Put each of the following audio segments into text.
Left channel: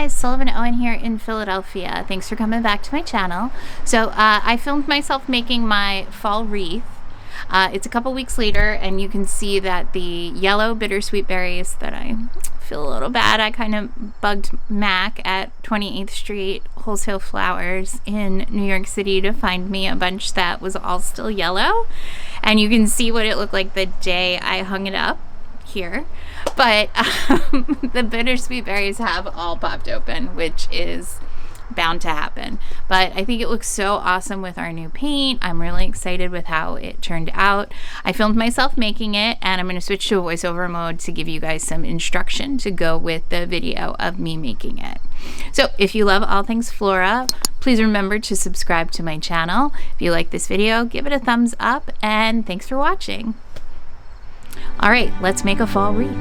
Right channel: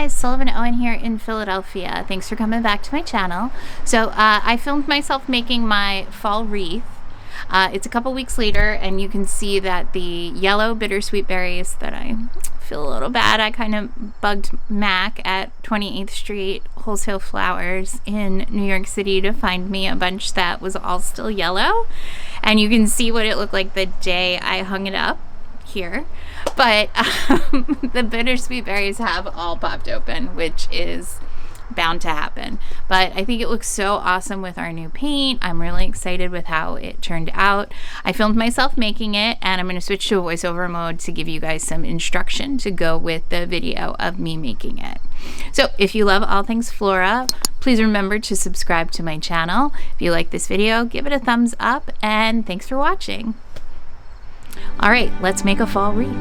guys, Sullivan Owen here in Philadelphia. Thanks for coming back to my channel. So I filmed myself making my fall wreath. It's a couple weeks later and you can see that the yellow bittersweet berries that I feel a little bad. I kind of bugged Mac at 28th Street Wholesale Flowers in New York City to find me a bunch that was all still yellow. And you can see what it looked like the day I hung it up here. But the bittersweet berries have all popped open, which is bound to happen. But I think it looks so awesome with our new paint. I'm really excited with how it turned out. I filmed myself making it, and I'm going to switch to a voiceover mode to give you guys some instruction to go with the video of me making it. So if you love all things flora, please remember to subscribe to my channel. If you like this video, give it a thumbs up, and thanks for watching. All right, let's make a fall wreath.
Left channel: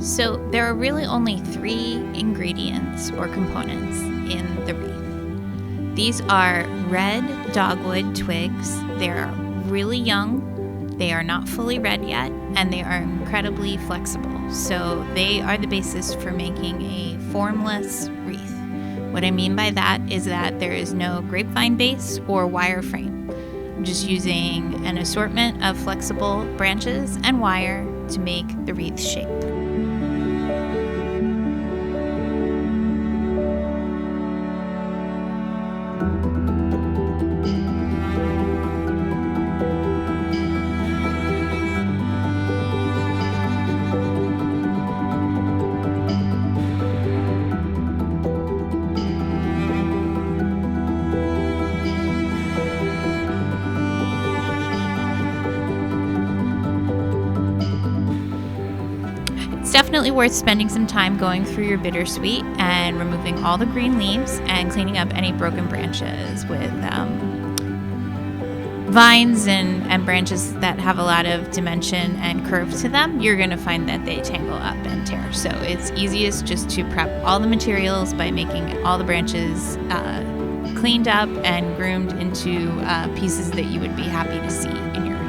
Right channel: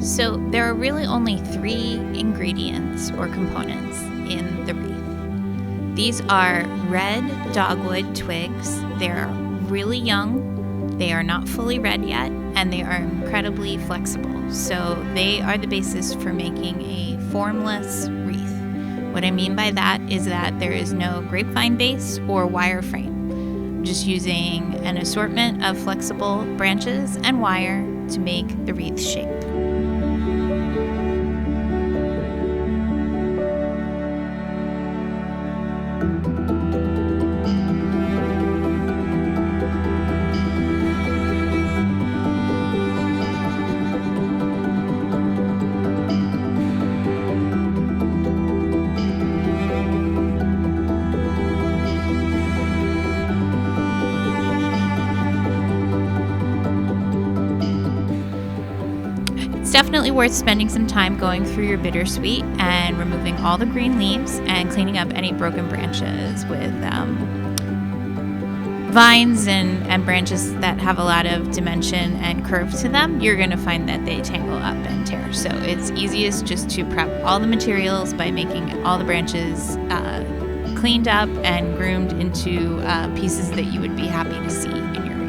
So there are really only 3 ingredients or components in the wreath. These are red dogwood twigs. They're really young, they are not fully red yet, and they are incredibly flexible. So they are the basis for making a formless wreath. What I mean by that is that there is no grapevine base or wire frame. I'm just using an assortment of flexible branches and wire to make the wreath shape. It's definitely worth spending some time going through your bittersweet and removing all the green leaves and cleaning up any broken branches with vines and branches that have a lot of dimension and curve to them. You're going to find that they tangle up and tear. So it's easiest just to prep all the materials by making all the branches cleaned up and groomed into pieces that you would be happy to see in your wreath.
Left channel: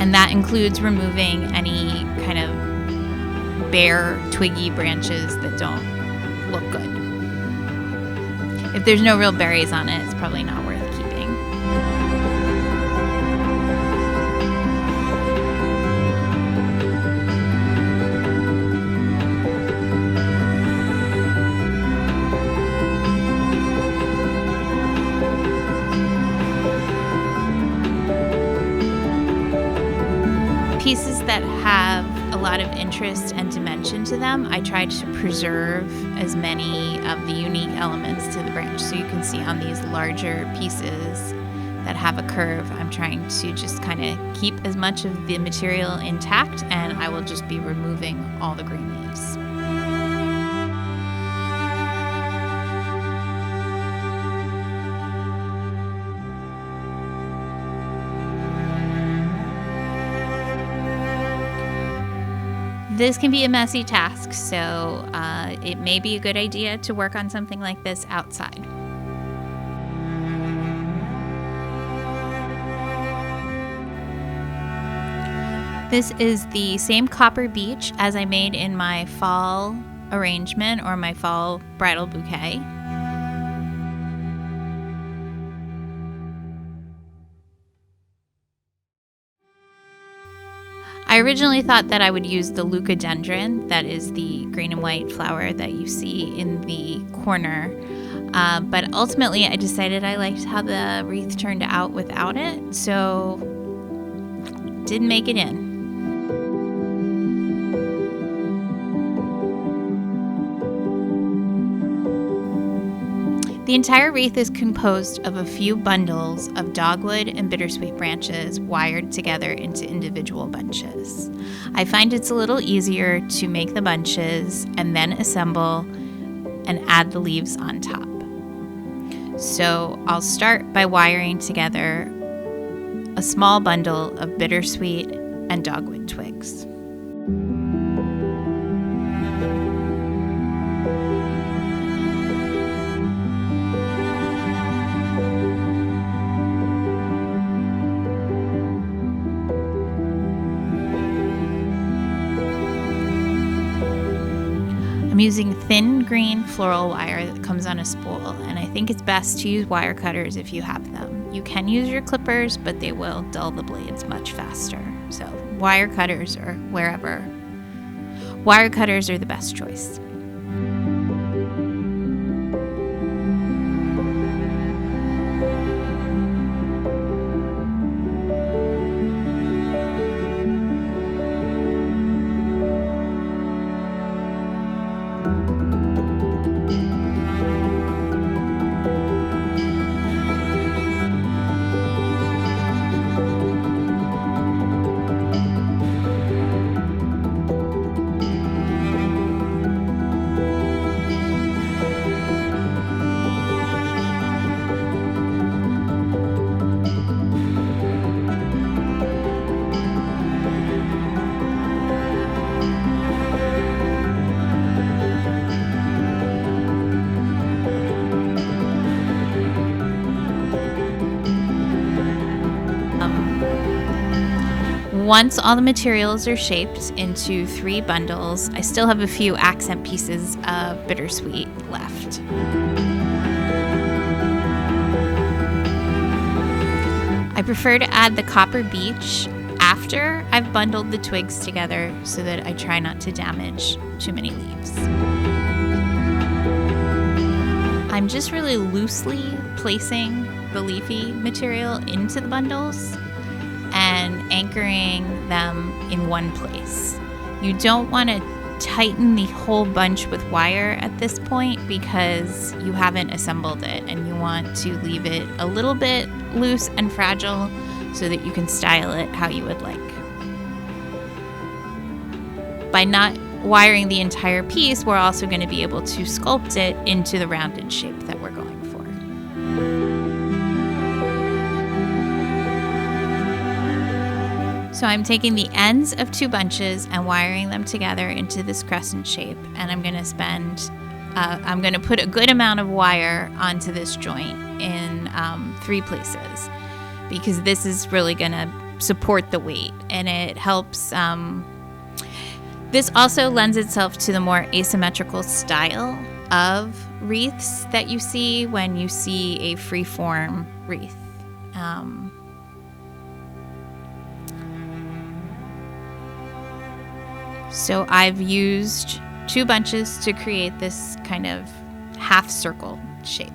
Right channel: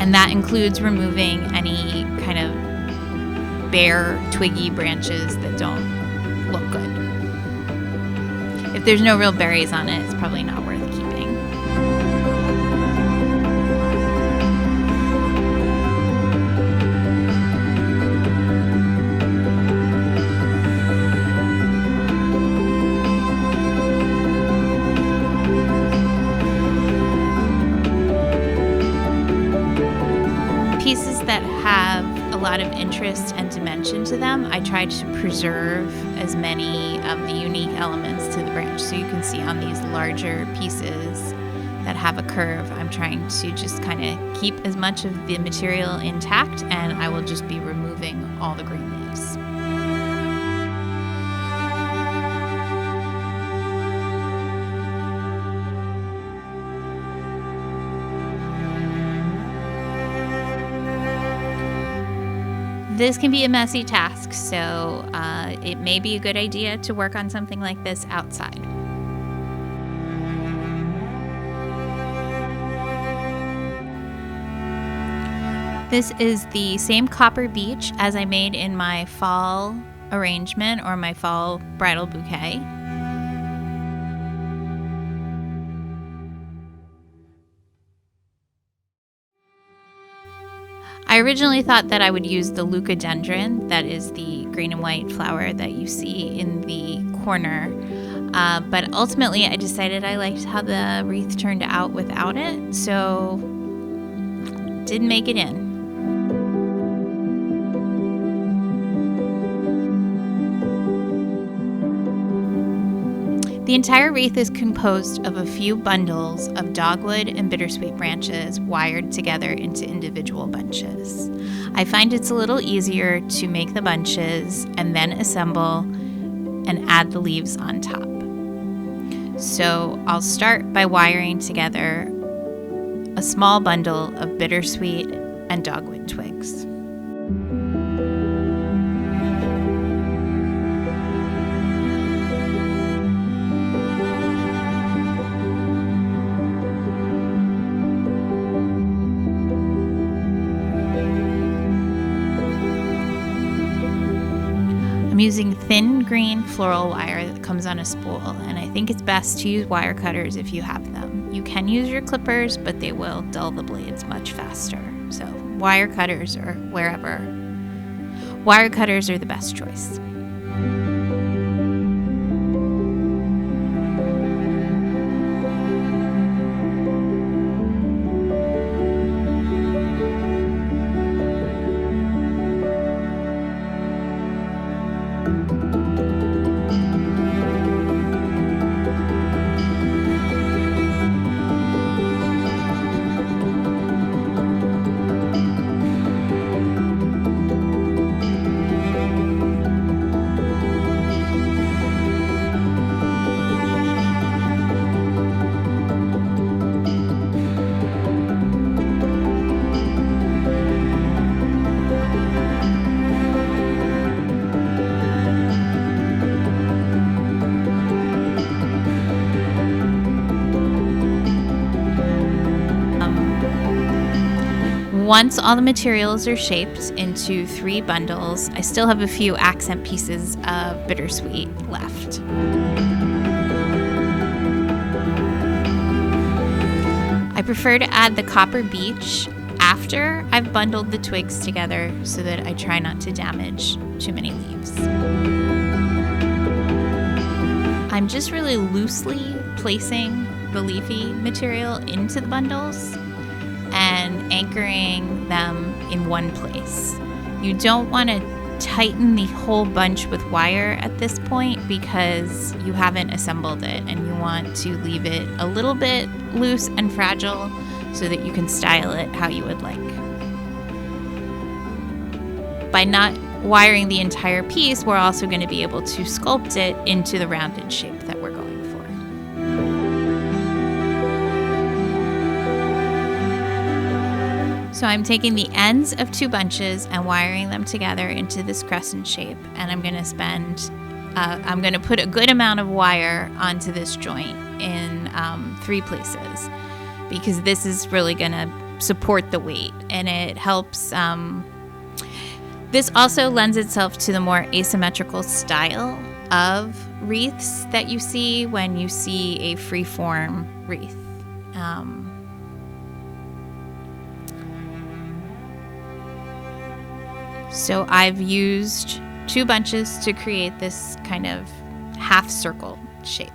And that includes removing any kind of bare, twiggy branches that don't look good. If there's no real berries on it, it's probably not worth keeping. Pieces that have a lot of interest and dimension to them, I tried to preserve as many of the unique elements to the branch. So you can see on these larger pieces that have a curve, I'm trying to just kind of keep as much of the material intact, and I will just be removing all the green leaves. This can be a messy task, so it may be a good idea to work on something like this outside. This is the same copper beech as I made in my fall arrangement or my fall bridal bouquet. I originally thought that I would use the leucadendron, that is the green and white flower that you see in the corner, but ultimately I decided I liked how the wreath turned out without it, so didn't make it in. The entire wreath is composed of a few bundles of dogwood and bittersweet branches wired together into individual bunches. I find it's a little easier to make the bunches and then assemble and add the leaves on top. So I'll start by wiring together a small bundle of bittersweet and dogwood twigs. I'm using thin green floral wire that comes on a spool, and I think it's best to use wire cutters if you have them. You can use your clippers, but they will dull the blades much faster. So wire cutters or wherever. Wire cutters are the best choice. Once all the materials are shaped into 3 bundles, I still have a few accent pieces of bittersweet left. I prefer to add the copper beech after I've bundled the twigs together so that I try not to damage too many leaves. I'm just really loosely placing the leafy material into the bundles and anchoring them in one place. You don't want to tighten the whole bunch with wire at this point because you haven't assembled it, and you want to leave it a little bit loose and fragile so that you can style it how you would like. By not wiring the entire piece, we're also going to be able to sculpt it into the rounded shape that we're going for. So I'm taking the ends of 2 bunches and wiring them together into this crescent shape, and I'm going to put a good amount of wire onto this joint in 3 places, because this is really going to support the weight, and it helps. This also lends itself to the more asymmetrical style of wreaths that you see when you see a free-form wreath. So I've used 2 bunches to create this kind of half circle shape.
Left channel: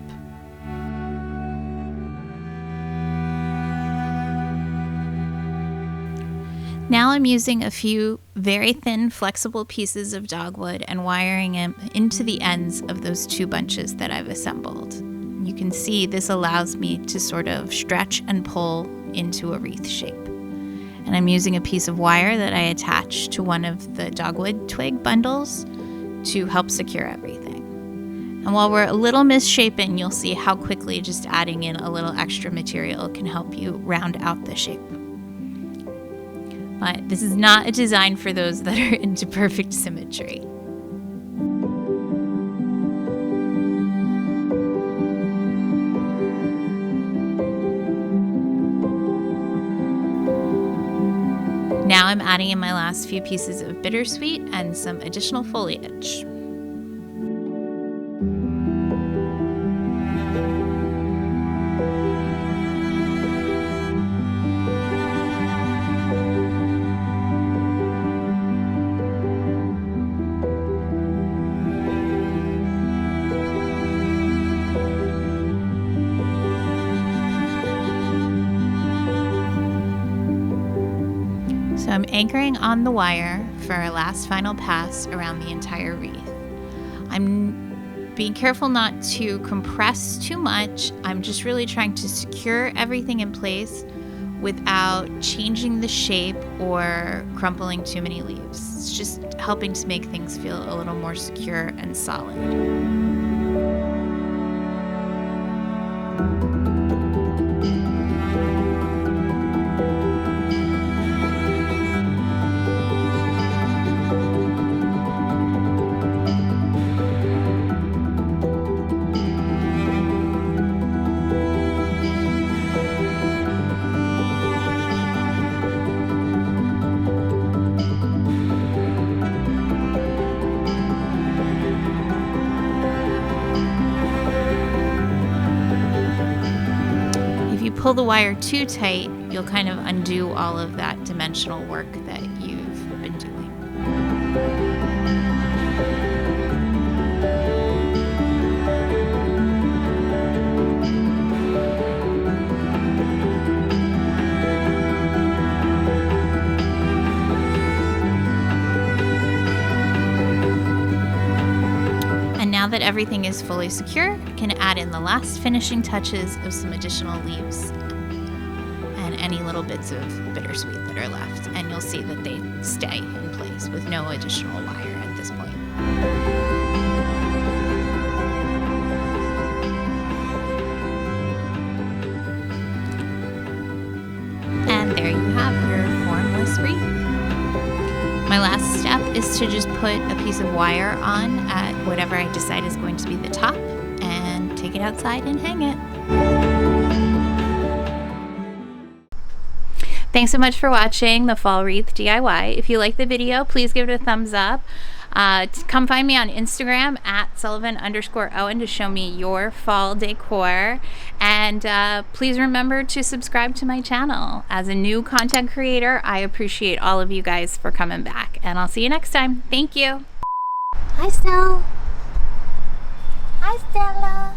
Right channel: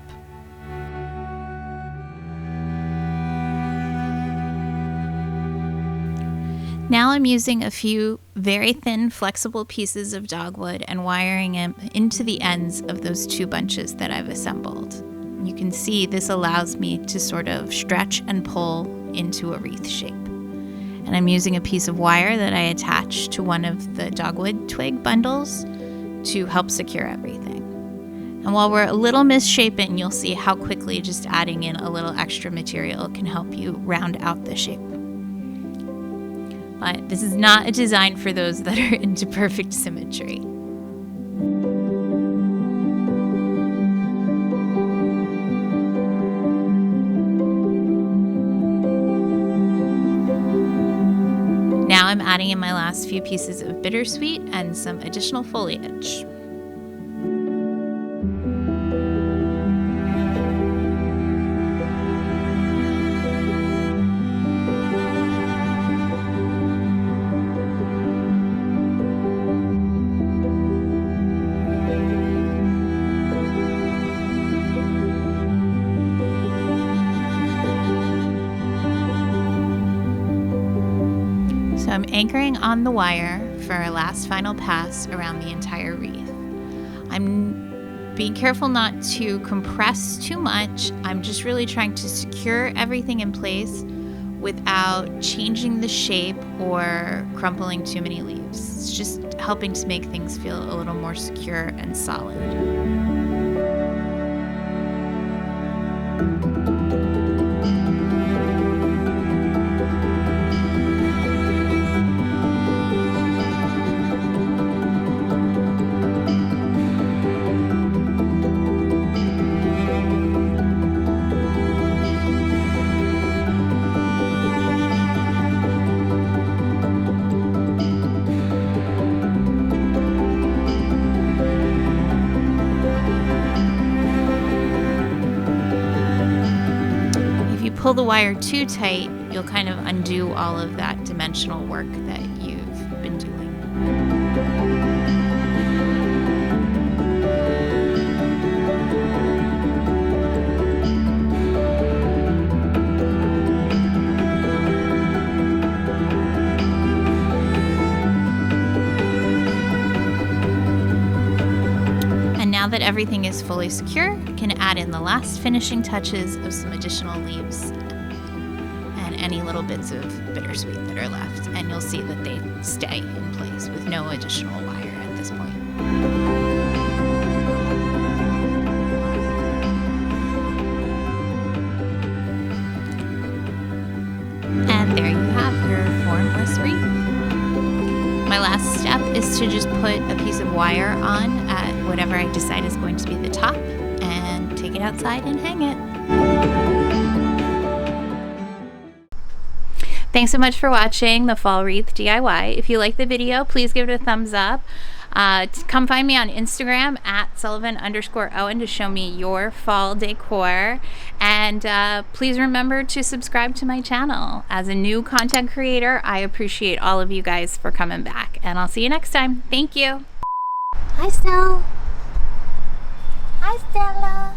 Now I'm using a few very thin flexible pieces of dogwood and wiring them into the ends of those 2 bunches that I've assembled. You can see this allows me to sort of stretch and pull into a wreath shape. And I'm using a piece of wire that I attached to one of the dogwood twig bundles to help secure everything. And while we're a little misshapen, you'll see how quickly just adding in a little extra material can help you round out the shape. But this is not a design for those that are into perfect symmetry. Now I'm adding in my last few pieces of bittersweet and some additional foliage. So I'm anchoring on the wire for our last final pass around the entire wreath. I'm being careful not to compress too much. I'm just really trying to secure everything in place without changing the shape or crumpling too many leaves. It's just helping to make things feel a little more secure and solid. you pull the wire too tight, you'll kind of undo all of that dimensional work that you've been doing. And now that everything is fully secure, I can add in the last finishing touches of some additional leaves and any little bits of bittersweet that are left. And you'll see that they stay in place with no additional wire at this point. And there you have your formless wreath. My last step is to just put a piece of wire on at whatever I decide is going to be the top and take it outside and hang it. Thanks so much for watching the Fall Wreath DIY. If you like the video, please give it a thumbs up. Come find me on Instagram at Sullivan_Owen to show me your fall decor. And please remember to subscribe to my channel. As a new content creator, I appreciate all of you guys for coming back. And I'll see you next time. Thank you. Hi, Stella. Hi, Stella.